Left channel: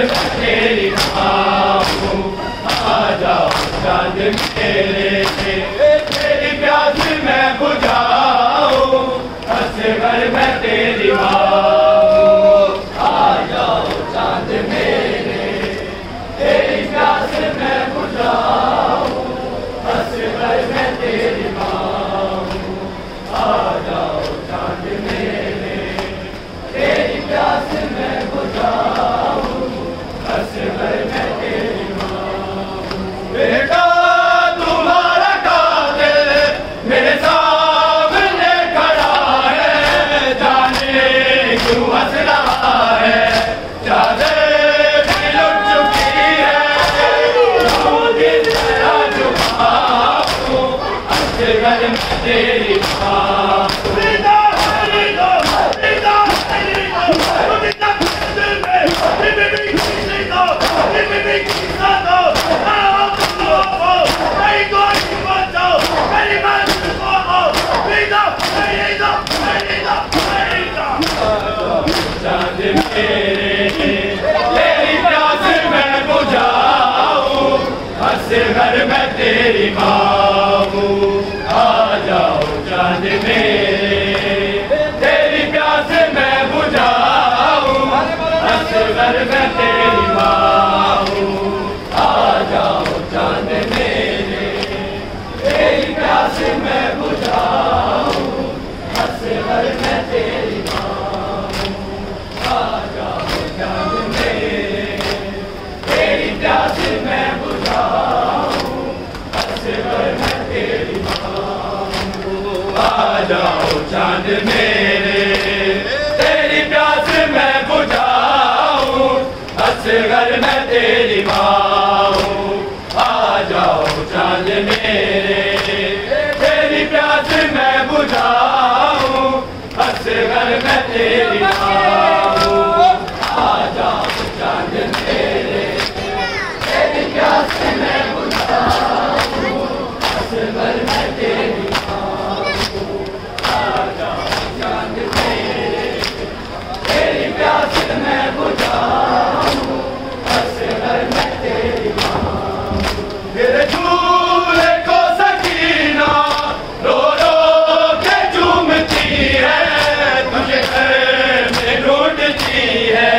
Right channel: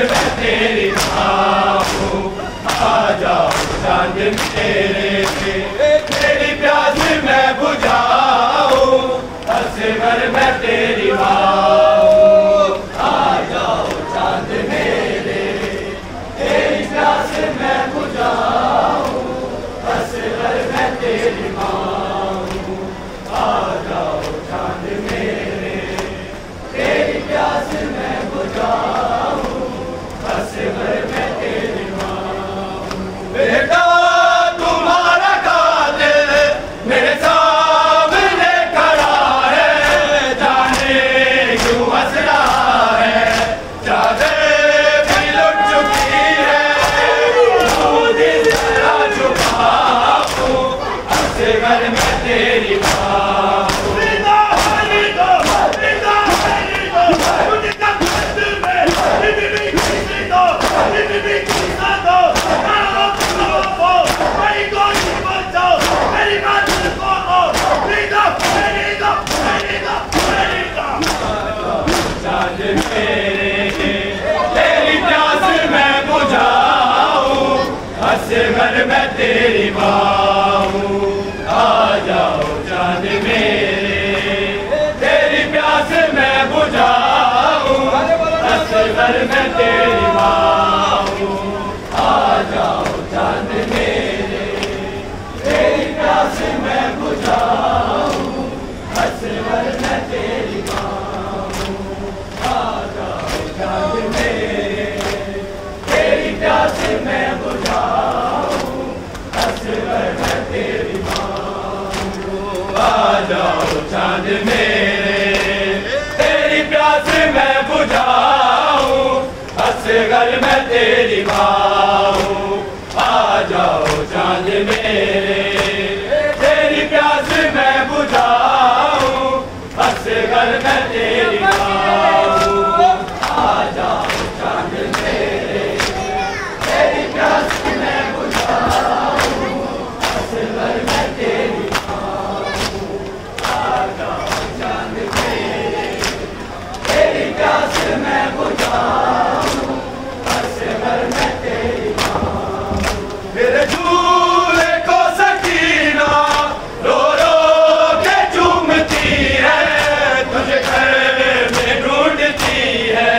मैं तेरी माँ हूँ, आ जाओ चांद मेरे, तेरी प्यास मैं बुझाऊँ, असगर मैं तेरी माँ हूँ, आ जाओ चांद मेरे, तेरी प्यास मैं बुझाऊँ, असगर मैं तेरी माँ हूँ, आ जाओ चांद मेरे, तेरी प्यास मैं बुझाऊँ, असगर मैं तेरी माँ हूँ। बेटा तुम्हारा कातिल मेरे सामने खड़ा है, जाने क्यों हंस रहा है, चादर भी लुट चुकी है, दिल तेरा झुका हूँ, असगर मैं तेरी माँ हूँ। चांद मेरे, तेरी प्यास मैं बुझाऊँ, असगर मैं तेरी माँ हूँ, आ जाओ चांद मेरे, तेरी प्यास मैं बुझाऊँ, असगर मैं तेरी माँ हूँ, आ जाओ चांद मेरे, तेरी प्यास मैं बुझाऊँ, असगर मैं तेरी माँ हूँ, आ जाओ चांद मेरे, तेरी प्यास मैं बुझाऊँ, असगर मैं तेरी माँ हूँ, आ जाओ चांद मेरे, तेरी प्यास मैं बुझाऊँ, असगर मैं तेरी माँ हूँ, आ जाओ चांद मेरे, तेरी प्यास मैं बुझाऊँ, असगर मैं तेरी माँ हूँ, आ जाओ चांद मेरे, तेरी प्यास मैं बुझाऊँ, असगर मैं तेरी माँ हूँ, आ जाओ चांद मेरे, तेरी प्यास मैं बुझाऊँ, असगर मैं तेरी माँ हूँ। मेरे झूले को सकीना रो रो के झूमती है, तुझे घर में ढूंढती है,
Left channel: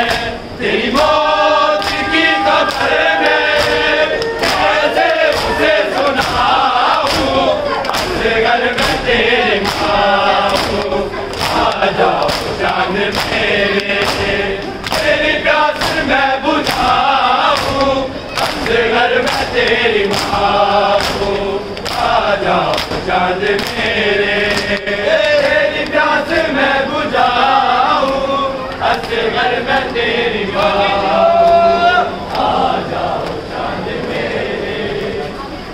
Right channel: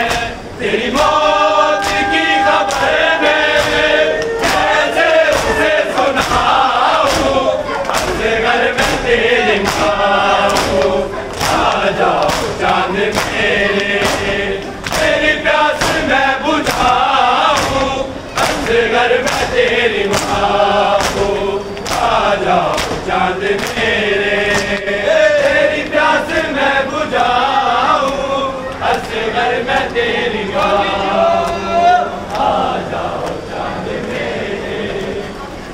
तेरी मौत की खबर मैं कैसे उसे सुनाऊँ, असगर मैं तेरी माँ हूँ, आ जाओ चांद मेरे, तेरी प्यास मैं बुझाऊँ, असगर मैं तेरी माँ हूँ, आ जाओ चांद मेरे, तेरी प्यास मैं बुझाऊँ, असगर मैं तेरी माँ हूँ, आ जाओ चांद मेरे,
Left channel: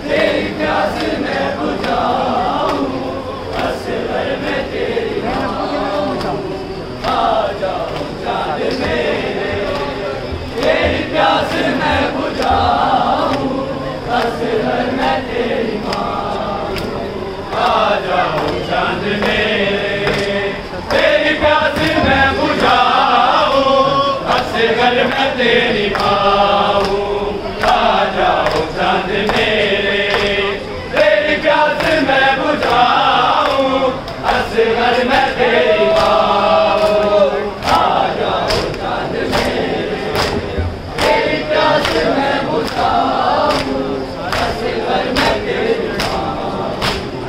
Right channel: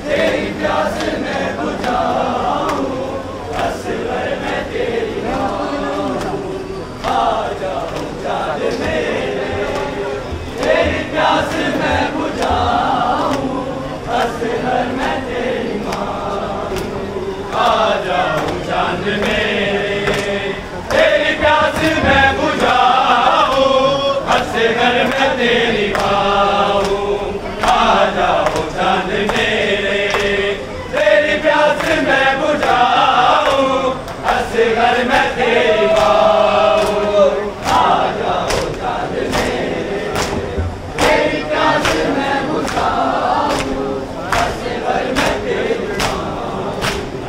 तेरी प्यास मैं बुझाऊँ, असगर मैं तेरी माँ हूँ, आ जाओ चांद मेरे, तेरी प्यास मैं बुझाऊँ, असगर मैं तेरी माँ हूँ, आ जाओ चांद मेरे, तेरी प्यास मैं बुझाऊँ, असगर मैं तेरी माँ हूँ, आ जाओ चांद मेरे, तेरी प्यास मैं बुझाऊँ, असगर मैं तेरी माँ हूँ, आ जाओ चांद मेरे, तेरी प्यास मैं बुझाऊँ, असगर मैं तेरी माँ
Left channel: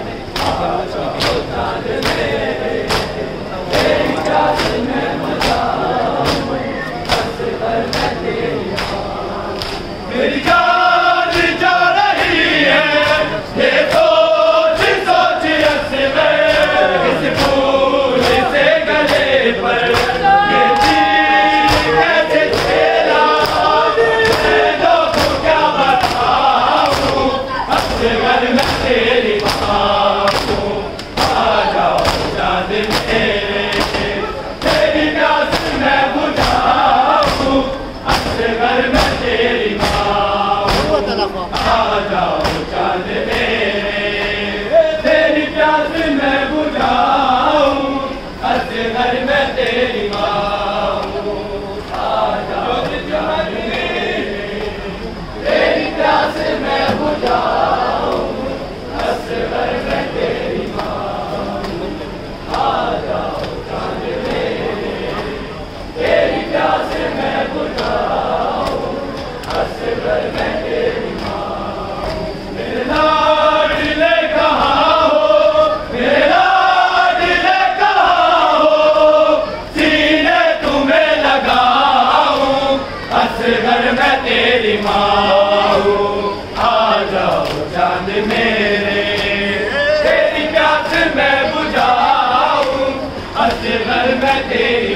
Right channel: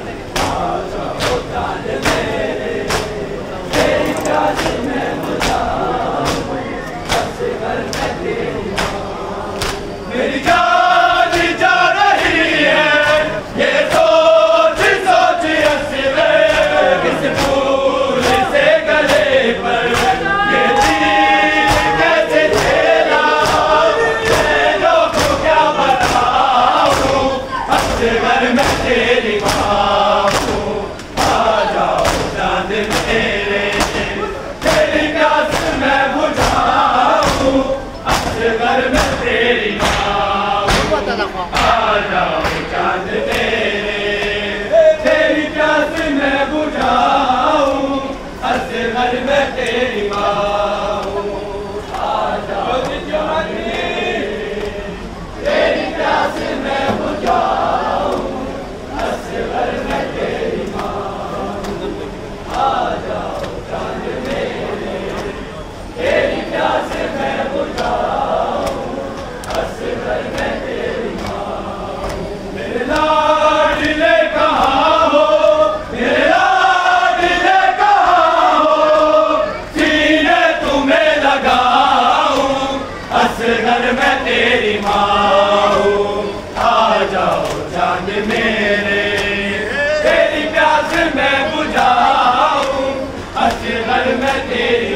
हूँ, आ जाओ चांद मेरे, तेरी प्यास मैं बुझाऊँ, असगर मैं तेरी माँ हूँ। मेरी जान जा रही है, ये सोच सोच असगर, किस फूल से गले पर ये तीर कैसे झेला, मैं लोगों क्या बताऊँ, असगर मैं तेरी माँ हूँ, आ जाओ चांद मेरे, तेरी प्यास मैं बुझाऊँ, असगर मैं तेरी माँ हूँ, आ जाओ चांद मेरे, तेरी प्यास मैं बुझाऊँ, असगर मैं तेरी माँ हूँ, आ जाओ चांद मेरे। असगर मैं तेरी माँ हूँ, आ जाओ चांद मेरे, तेरी प्यास मैं बुझाऊं, असगर मैं तेरी